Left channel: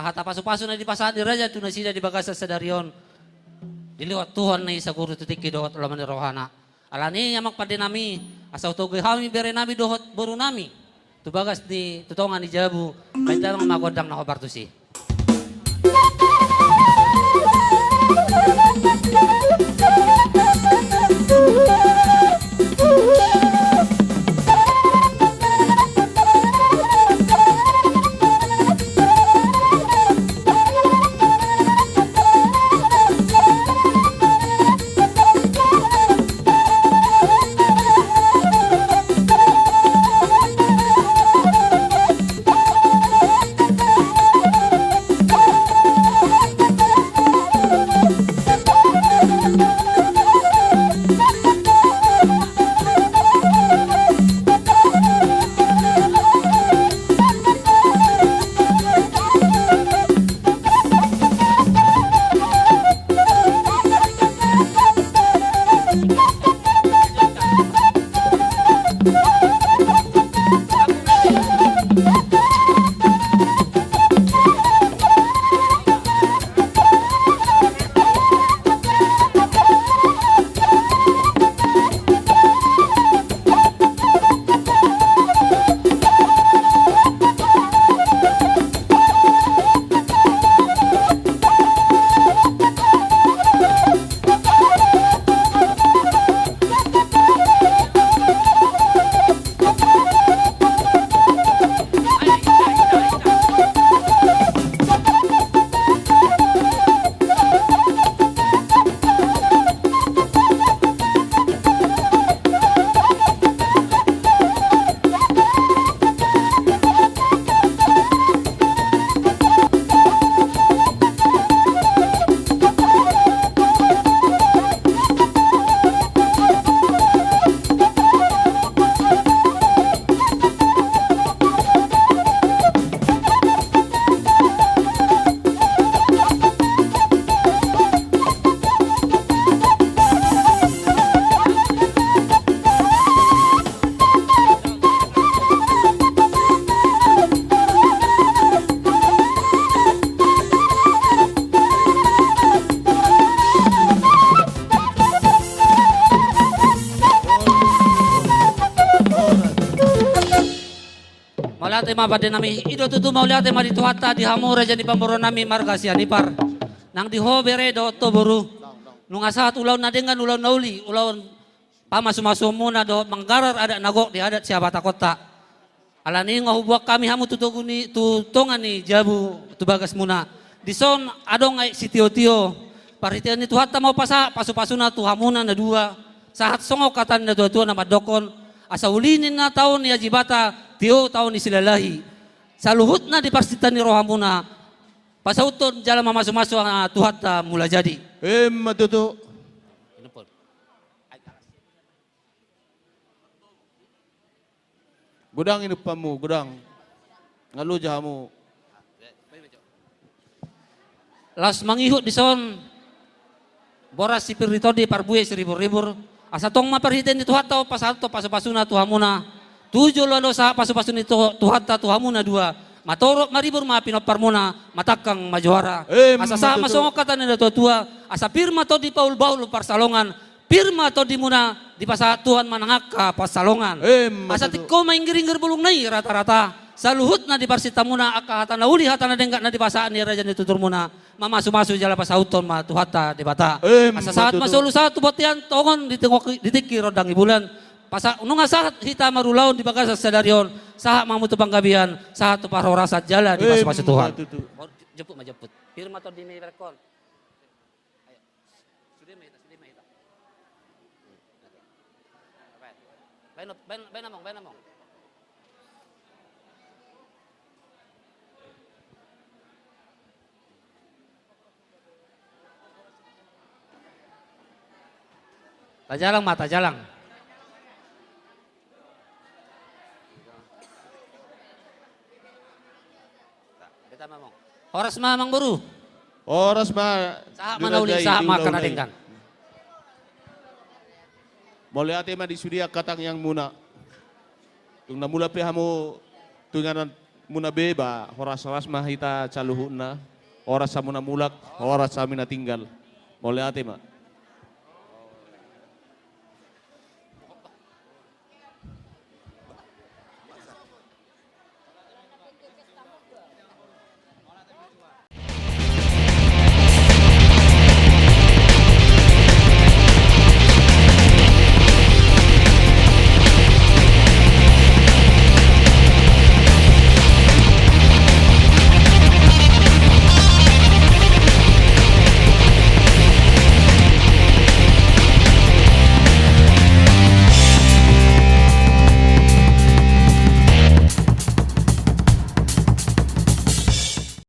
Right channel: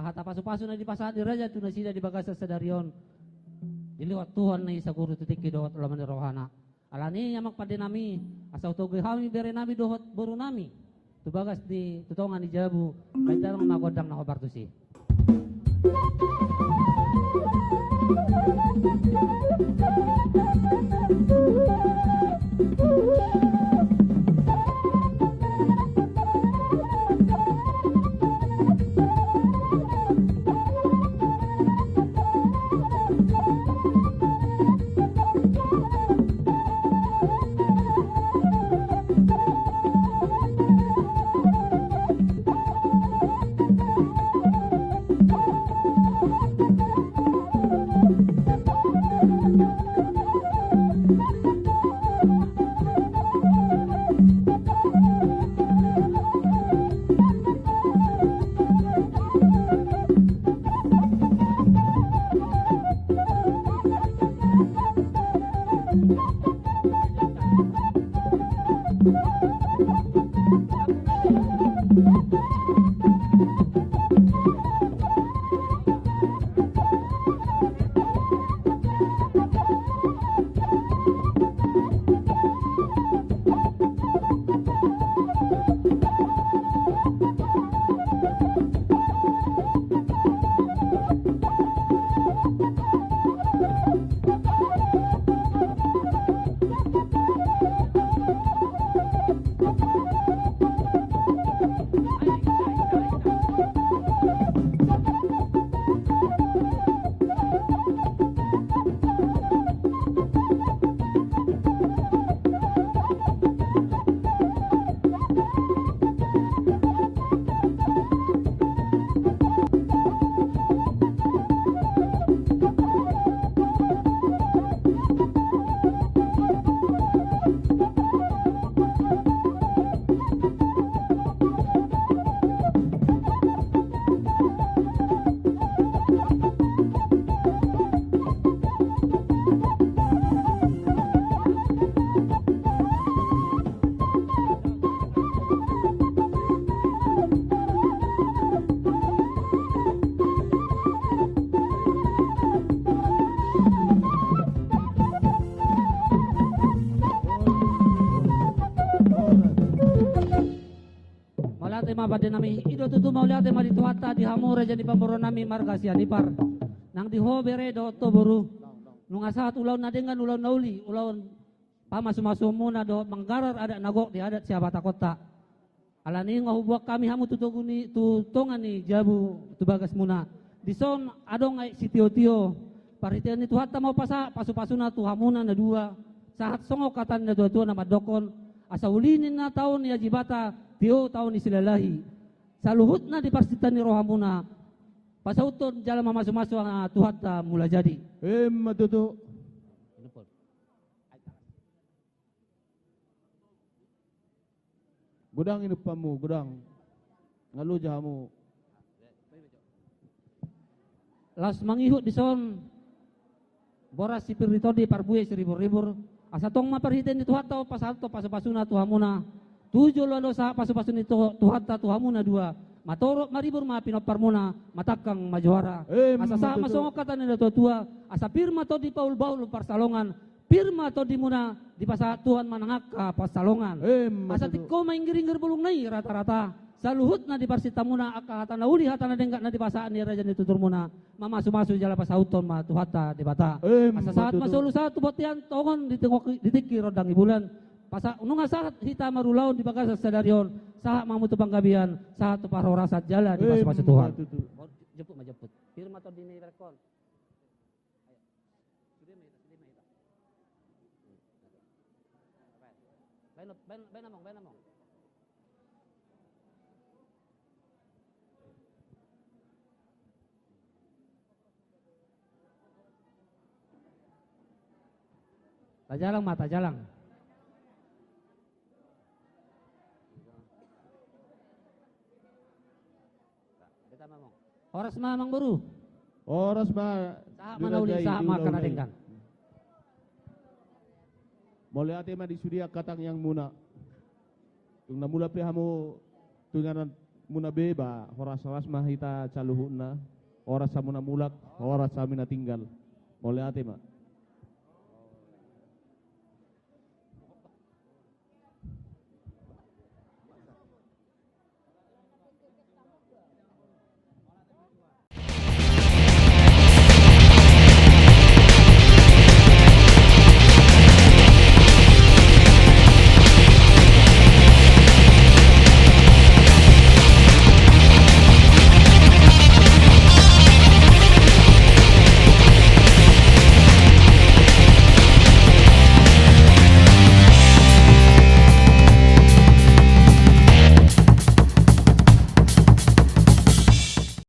Kahata pasu-pasu na di pasaan di raja tu na sida di bagasa sa darion. Diliwat Tuhan na isa guru tutiki dohot ulaman ni rohana. Alani yamak pade nami asa utogoy hami bere nami dohot buru nami. Tu bagas di tutongan di jabu. Baita nang magodang na kobartusi. Maulate mabade nami ido tutu maulate mari tuhata di hamura jani pamboro nami marga sianipar. Nang di hobere do to boru. Nung asahat ulaw na dengan ulaw nauli ulaw pamasu-masu muna do manggarar ada nagok di adat siapa takota. Alani ngahubuak kami hamu tutuguni tutongan ni jabu tubagas muna. Dison adong ay si tio-tio. Paritian ni tuhata mau pasu-pasuna tuhamuna na dua. Sahat songok katan na dua-dua na madokon. Asa ulinin na taon ni ajibata tio taon ni silalahi. Saluhut na di parsitan ni rohamuna. Pasauton jalan mamasu-masu tuhata mula jadi. Matuto. Gudang ini pamu, gudang. Ngalu jahamu. Las mangihut di son. Boras sipir ditodi parbuye seribur-ribur. Asa tong maperhiten di tuhata pasato pasu-pasuna tuhamuna. Tujuh londo sa pasu-pasun itu tuhata tuhamuna dua. Matorok maribur mapinop parmuna matakang majuara. Asa sa masongok kata nila tua-tua. Asa pirma to di paul baul parsalongan. Pirma to di muna di pasa Tuhan manangak ka pasalongan. Asa tiko mainggiringger bulung nai rata-rata. Saluhut na di parsita muna aka hata na uli hata na denggak na di pasaan ni raja ni tutur muna. Mamasu-masu jala pasauton ma tuhata di bata. Asa saat masulu saat botian tongon ditiki rodang ibulan. Pasa nung saat hita marulaun di bagasa sadarion. Saat mamutu panggabian. Saat tu parorasat jala di pasu-pasu Tuhan. Jemput majemput. Firma to di rekon. Ben among. Tajalang mata jalang. Kita mamong. Horas mamang baru. Oras ma. Saha manauli saha makan adengkan. Boleh ate ma di sudia katang yang muna. Tung namula pe hamu tunganan muna beba, horas-horas mahita caluhuna, oras sa muna mulak, oras sa mina tinggal. Boleh ate, Ma?